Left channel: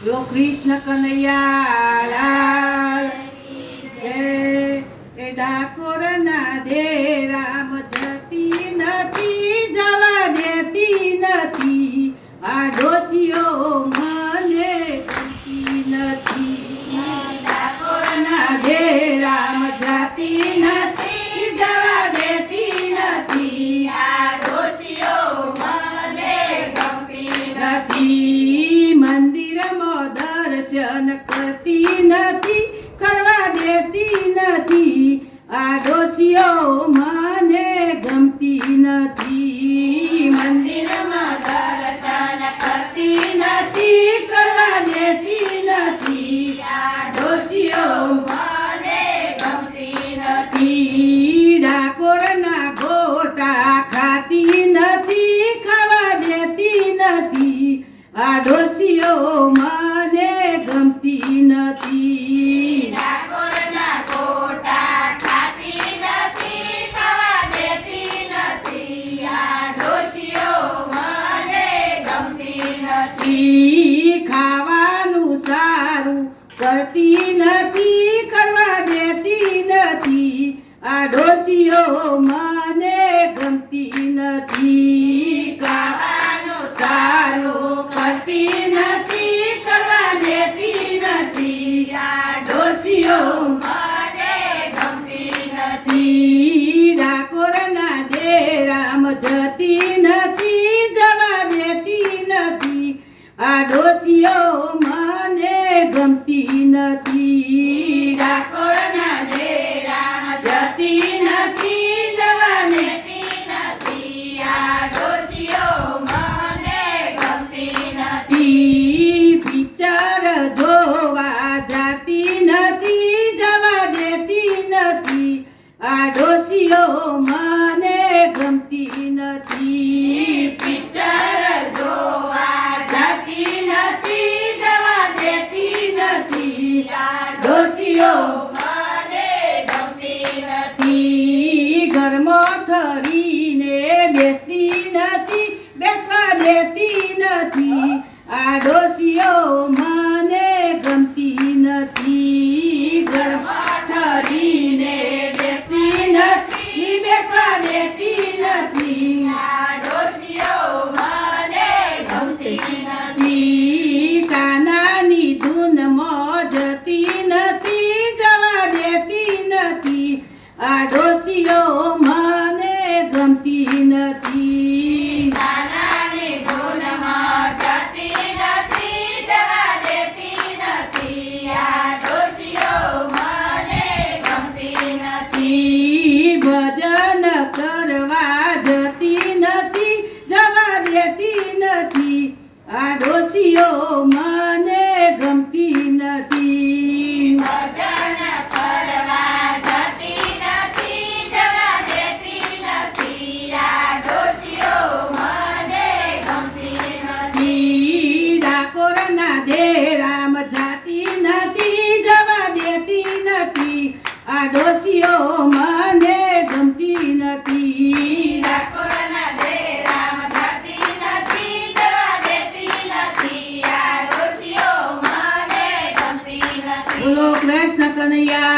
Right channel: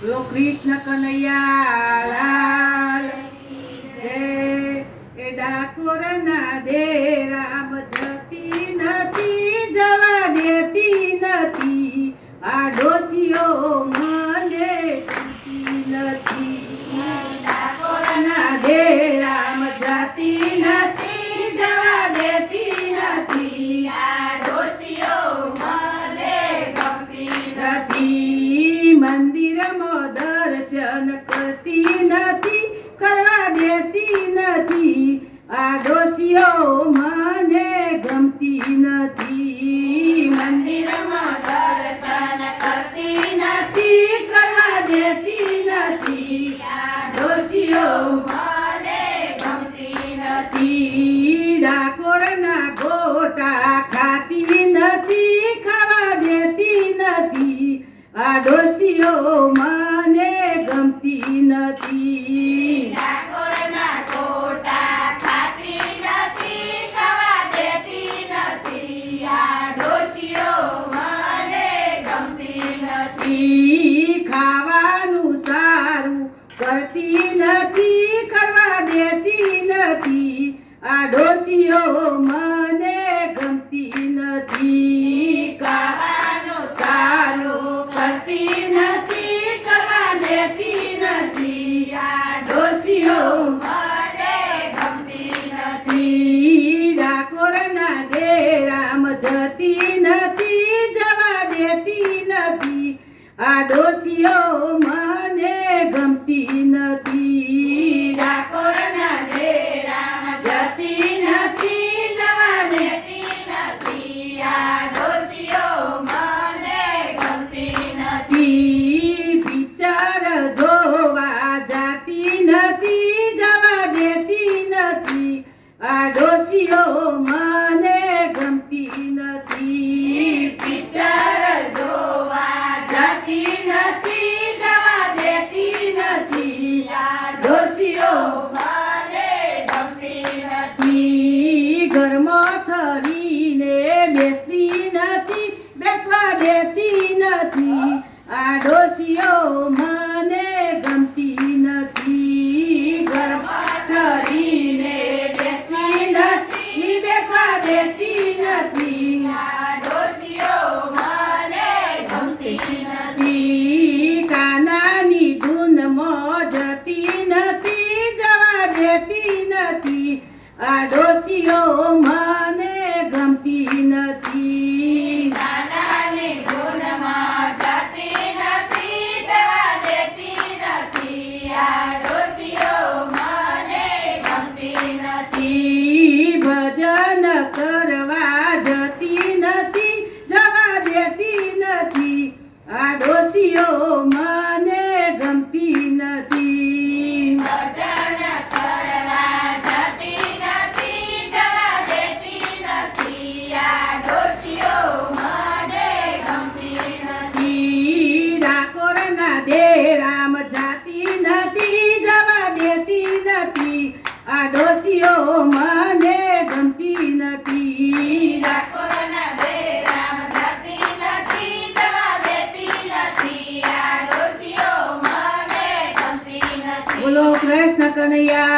બોલો કૃષ્ણ કનૈયા લાલ જય। એ ડાકોરના ડેરામ જતી નથી, જવા દેતી નથી, આ ડોશીઓ મને ગમતી નથી। ડાકોરના ડેરામ જતી નથી, જવા દેતી નથી, આ ડોશીઓ મને ગમતી નથી। મંદિરમાં દર્શન કરતી નથી, કરવા દેતી નથી, આ ડોશીઓ મને ગમતી નથી। મંદિરમાં દર્શન કરતી નથી, કરવા દેતી નથી, આ ડોશીઓ મને ગમતી નથી। ડાકોરના ગોટા ખાતી નથી, ખાવા દેતી નથી, આ ડોશીઓ મને ગમતી નથી। ડાકોરના ગોટા ખાતી નથી, ખાવા દેતી નથી, આ ડોશીઓ મને ગમતી નથી। ખાવાનું સારું કરતી નથી, કરવા દેતી નથી, આ ડોશીઓ મને ગમતી નથી। ખાવાનું સારું કરતી નથી, કરવા દેતી નથી, આ ડોશીઓ મને ગમતી નથી। ડાકોરના ડેરામ જતી નથી, જવા દેતી નથી, આ ડોશીઓ મને ગમતી નથી। ડાકોરના ડેરામ જતી નથી, જવા દેતી નથી, આ ડોશીઓ મને ગમતી નથી। પિક્ચર જોવા જતી નથી, જવા દેતી નથી, આ ડોશીઓ મને ગમતી નથી। પિક્ચર જોવા જતી નથી, જવા દેતી નથી, આ ડોશીઓ મને ગમતી નથી। ઘરમાં થરીને બેસતી નથી, બેસવા દેતી નથી, આ ડોશીઓ મને ગમતી નથી। ઘરમાં થરીને બેસતી નથી, બેસવા દેતી નથી, આ ડોશીઓ મને ગમતી નથી। કાનાની ધૂનમાં જતી નથી, જવા દેતી નથી, આ ડોશીઓ મને ગમતી નથી। કાનાની ધૂનમાં જતી નથી, જવા દેતી નથી, આ ડોશીઓ મને ગમતી નથી। ભજન કરવા જતી નથી, જવા દેતી નથી, આ ડોશીઓ મને ગમતી નથી। ભજન કરવા જતી નથી, જવા દેતી નથી, આ ડોશીઓ મને ગમતી નથી। ડાકોરના ડેરામ જાતી નથી, જવા દેતી નથી, આ ડોશીઓ મને ગમતી નથી। ડાકોરના ડેરામ જાતી નથી, જવા દેતી નથી, આ ડોશીઓ મને ગમતી નથી। બોલો કૃષ્ણ કનૈયા